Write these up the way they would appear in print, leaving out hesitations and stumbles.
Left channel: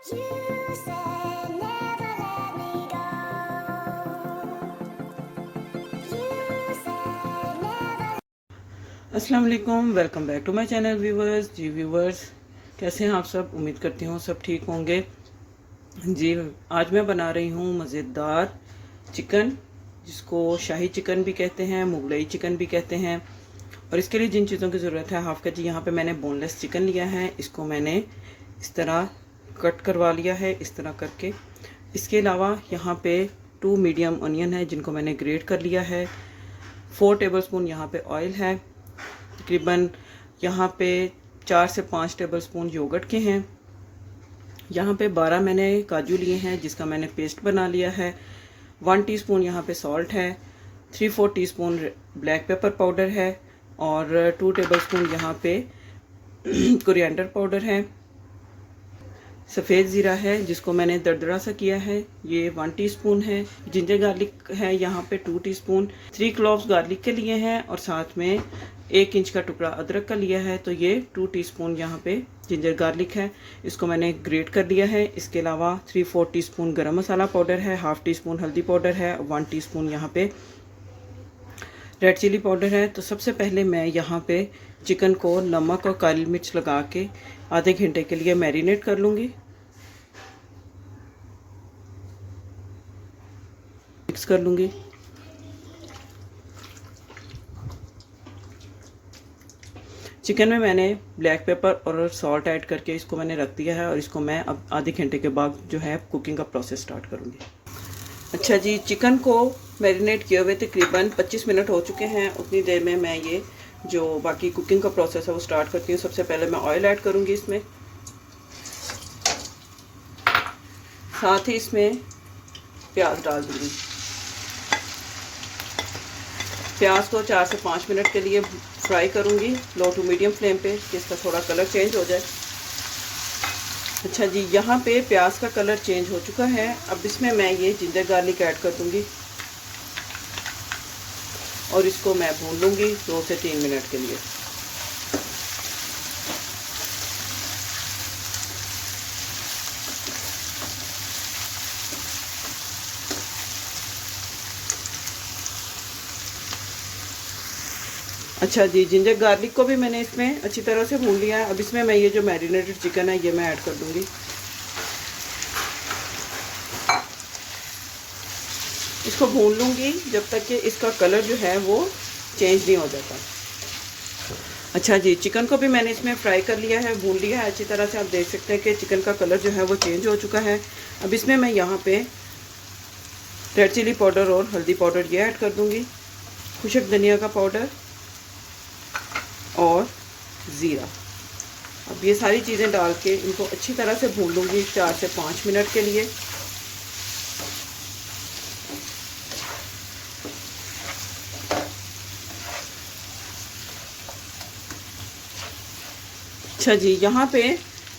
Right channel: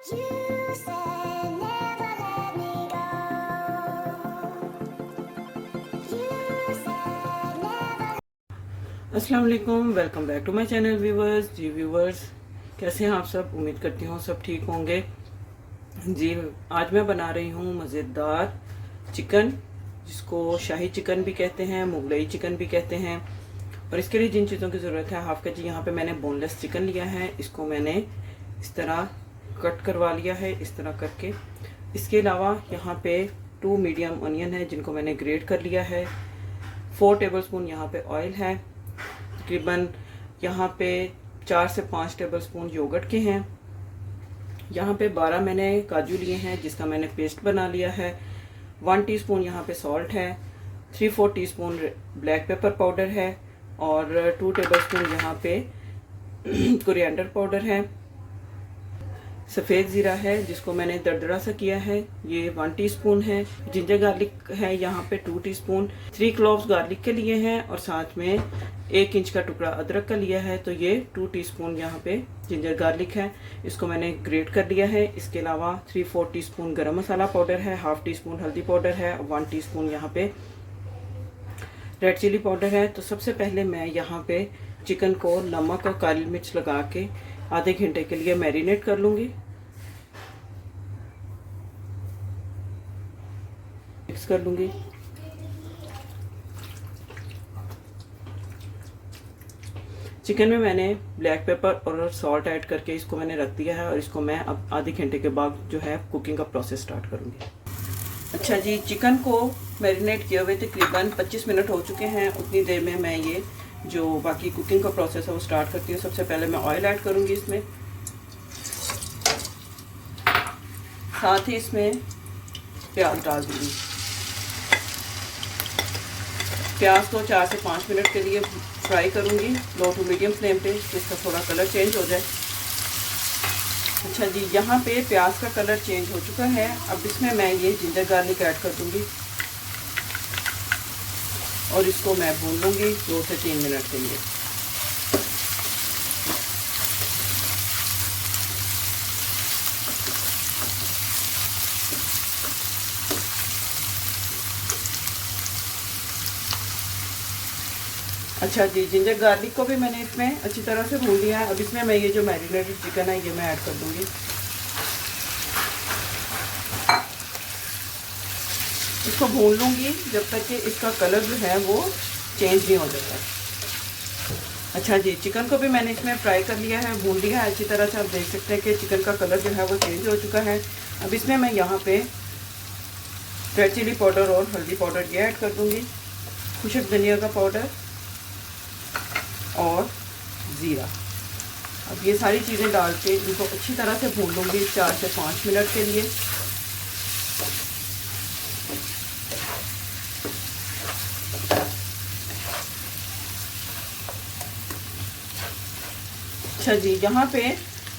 You said never let me go. You said never. अस्सलाम वालेकुम, welcome back to my channel viewers. जी viewers, कैसे हैं आप सब? उम्मीद करती हूँ सब ठीक होंगे। जी, आज मैं बना रही हूँ मज़ेदार चिकन, जिसको शाही चिकन भी कहते हैं, मुगलई चिकन भी कहते हैं। और इसके लिए जिन चीज़ों की ज़रूरत है, हाफ के जी यहाँ पे मैंने बोनलेस चिकन लिया है। इसको मैंने इस तरह कट करवा लिया है, इस तरह करके। इसके अलावा यहाँ पे 2 मीडियम अनियन है, जिनको मैंने ग्रेट कर लिया है। 4 टेबलस्पून यहाँ पे ऑयल है। तकरीबन यहाँ पे 4 से 5 टेबलस्पून योगर्ट के हैं। यहाँ पे 12 मैंने काजू लिए हैं, जिसका मैंने पेस्ट बना लिया है। 1 टीस्पून यहाँ पे सॉल्ट है। 3/4 टीस्पून ब्लैक पेपर पाउडर है। और 2 टेबलस्पून यहाँ पे कोरिएंडर पाउडर है। सफ़ेद ज़ीरा है, जिसको मैंने दरदरा सा किया है, ये 1 टीस्पून है। जिंजर गार्लिक है यहाँ पे 2 टीस्पून। 3 क्लोव्स गार्लिक के लिए हैं और साथ में 1 इंच का टुकड़ा अदरक का लिया है, तो ये 2 टीस्पून यहाँ पे जिंजर गार्लिक है। इसको मैंने ग्रेट कर लिया है। इसके अलावा 3/4 टीस्पून गरम मसाला पाउडर है, 1/2 टीस्पून हल्दी पाउडर है, 1 टीस्पून यहाँ पे रेड चिली पाउडर है। तो सबसे पहले मैं यहाँ पे चिकन को नमक और काली मिर्च लगा के आधे घंटे के लिए मैरिनेट कर लूँगी। मिक्स कर लूँगी। चिकन में मैंने ब्लैक पेपर और सॉल्ट ऐड करके इसको मैंने रख दिया है और इसको मैं अब आधे घंटे के बाद जो है कुकिंग का प्रोसेस स्टार्ट करूँगी। अच्छा जी, चिकन को मैरिनेट किए हुए तकरीबन 25 मिनट हो चुके हैं। उतनी देर में मैं ये जो बाकी कुकिंग का प्रोसेस है वो स्टार्ट करती हूँ। सबसे पहले मैं ऑयल ऐड करूँगी इसमें, साथ ही इसमें प्याज डाल दूँगी। प्याज को 4 से 5 मिनट के लिए फ्राई करूँगी लो टू मीडियम फ्लेम पे, जिसका थोड़ा कलर चेंज हो जाए। अच्छा जी, यहाँ पे प्याज का कलर चेंज हो चुका है। अब इसमें मैं ये जिंजर गार्लिक ऐड कर दूँगी और इसको मैं भून लूँगी 2 से 3 मिनट के लिए। अच्छा जी, जिंजर गार्लिक को भी मैंने इसमें अच्छी तरह से भून लिया है। अब इसमें मैं ये जो मैरिनेटेड चिकन है ये मैं ऐड कर दूँगी। इसको भून लूँगी जब तक कि इसका कलर जो है वो चेंज नहीं हो जाता। अच्छा जी, चिकन को भी मैंने इसमें फ्राई कर लिया है, भून लिया है अच्छी तरह से। आप देख सकते हैं कि चिकन का कलर जो है वो चेंज हो चुका है। अब इसमें मैं यहाँ पे रेड चिली पाउडर और हल्दी पाउडर ये ऐड कर दूँगी, खुशक धनिया का पाउडर और ज़ीरा। अब ये सारी चीज़ें डाल के इनको अच्छी तरह से भून लूँगी 4 से 5 मिनट के लिए। अच्छा जी, यहाँ पे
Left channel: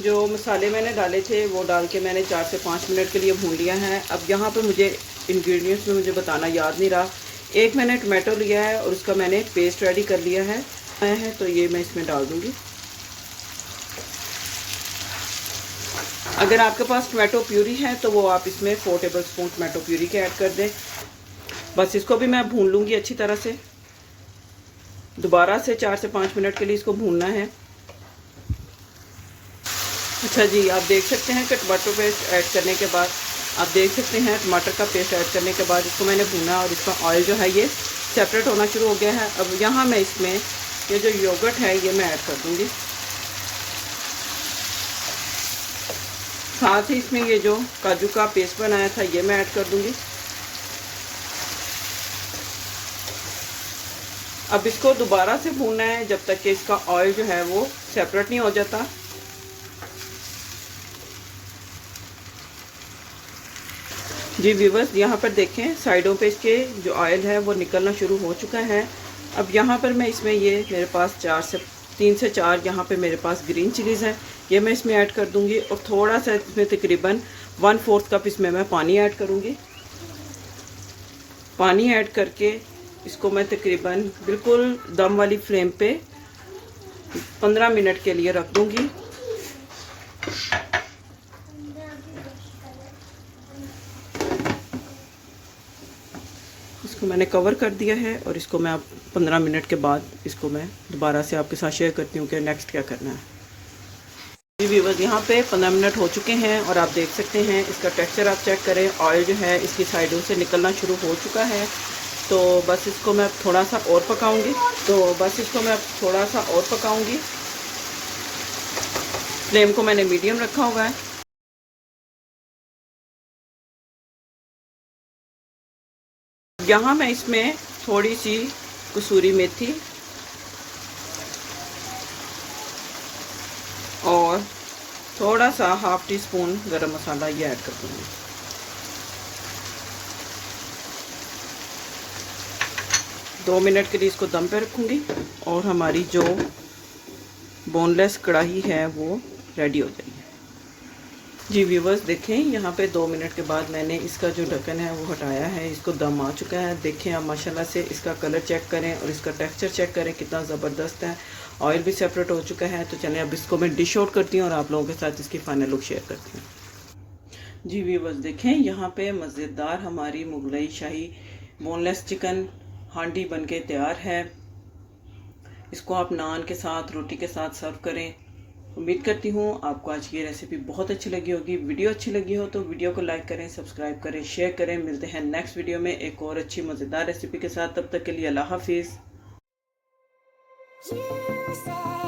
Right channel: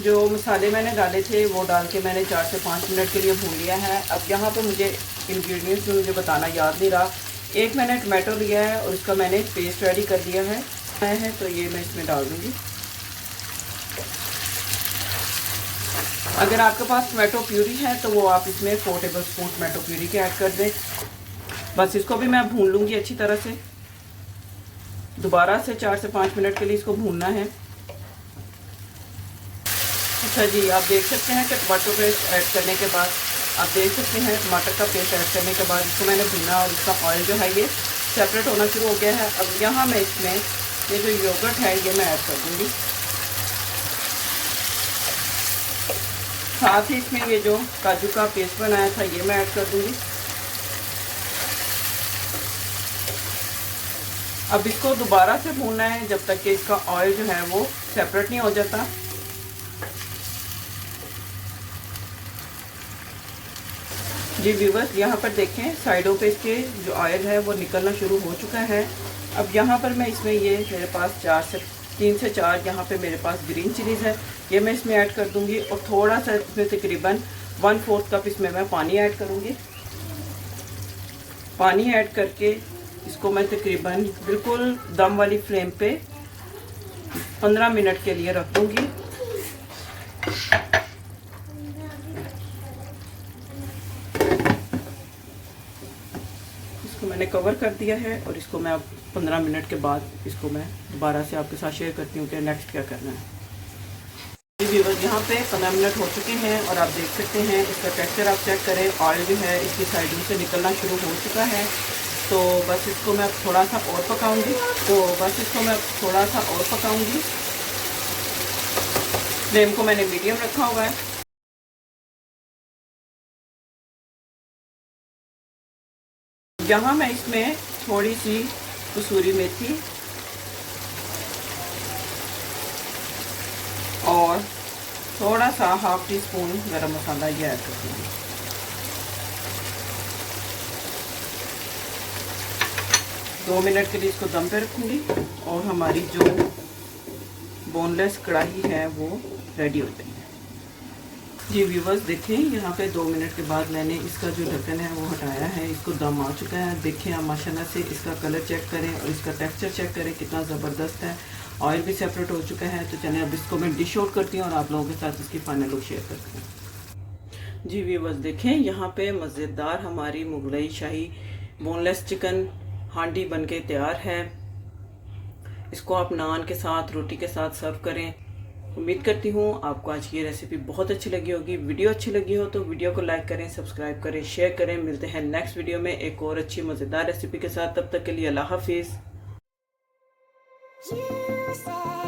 जो मसाले मैंने डाले थे वो डाल के मैंने 4 से 5 मिनट के लिए भून लिया है। अब यहाँ पे मुझे इंग्रेडिएंट्स में मुझे बताना याद नहीं रहा। 1 मैंने टमाटो लिया है और उसका मैंने पेस्ट रेडी कर लिया है तो ये मैं इसमें डाल दूँगी। अगर आपके पास टमाटो प्यूरी है तो वो आप इसमें 4 टेबलस्पून टमाटो प्यूरी के ऐड कर दें। बस इसको भी मैं भून लूँगी अच्छी तरह से। दोबारा से 4 से 5 मिनट के लिए इसको भूनना है। अच्छा जी, आप देख सकते हैं कि टमाटो पेस्ट ऐड करने के बाद टमाटर का पेस्ट ऐड करने के बाद इसको मैंने भुना और इसका ऑयल जो है ये सेपरेट होना शुरू हो गया है। अब यहाँ मैं इसमें ये जो योगर्ट है ये मैं ऐड कर दूँगी। साथ ही इसमें ये जो काजू का पेस्ट बनाया था ये मैं ऐड कर दूँगी। अब इसको दोबारा से भूनना है जब तक कि इसका ऑयल जो है वो सेपरेट नहीं हो जाता। जी व्यूवर्स, यहाँ पर देखें साइडों पे इसके जो ऑयल है वो निकलना शुरू हो चुका है। अब यहाँ पर मैं इसमें ये मेरे पास 3 से 4 यहाँ पे मेरे पास ग्रीन चिलीज़ है, ये मैं इसमें ऐड कर दूँगी। और थोड़ा सा इसमें तकरीबन 1/4 कप इसमें मैं पानी ऐड करूँगी। पानी ऐड करके इसको मैं तकरीबन बिल्कुल दम वाली फ्लेम पे 15 मिनट के लिए रख दूँगी। इसको मैंने कवर कर दिया है और इसको मैं अब 15 मिनट के बाद इसको मैं दोबारा से आपके साथ शेयर करती हूँ कि नेक्स्ट क्या करना है। जी व्यूअर्स, यहाँ पे 15 मिनट हो चुके हैं और आप देख सकते हैं इसका टेक्सचर आप चेक करें। ऑयल जो है इसकी साइडों से निकलना शुरू हो चुका है। तो बस इसको मैं थोड़ा सा और पकाऊंगी। फ्लेम को मैंने मीडियम रखा हुआ है। यहाँ मैं इसमें थोड़ी सी कसूरी मेथी और थोड़ा सा हाफ टी स्पून गरम मसाला ये ऐड कर दूँगी। दो मिनट के लिए इसको दम पे रखूँगी और हमारी जो बोनलेस कढ़ाई है वो रेडी हो जाएगी। जी व्यूअर्स, देखें यहाँ पे 2 मिनट के बाद मैंने इसका जो ढक्कन है वो हटाया है। इसको दम आ चुका है। देखें आप माशाल्लाह से इसका कलर चेक करें और इसका टेक्सचर चेक करें कितना ज़बरदस्त है। ऑयल भी सेपरेट हो चुका है। तो चलें अब इसको मैं डिश आउट करती हूँ और आप लोगों के साथ इसकी फाइनल लुक शेयर करती हूँ। जी व्यूअर्स, देखें यहाँ पे मज़ेदार हमारी मुगलई शाही बोनलेस चिकन हांडी बनके तैयार है। इसको आप नान के साथ, रोटी के साथ सर्व करें। उम्मीद करती हूँ आपको आज की ये रेसिपी बहुत अच्छी लगी होगी। वीडियो अच्छी लगी हो तो वीडियो को लाइक करें, सब्सक्राइब करें, शेयर करें। मिलते हैं नेक्स्ट वीडियो में एक और अच्छी मज़ेदार रेसिपी के साथ। तब तक के लिए अल्लाह हाफिज़। You said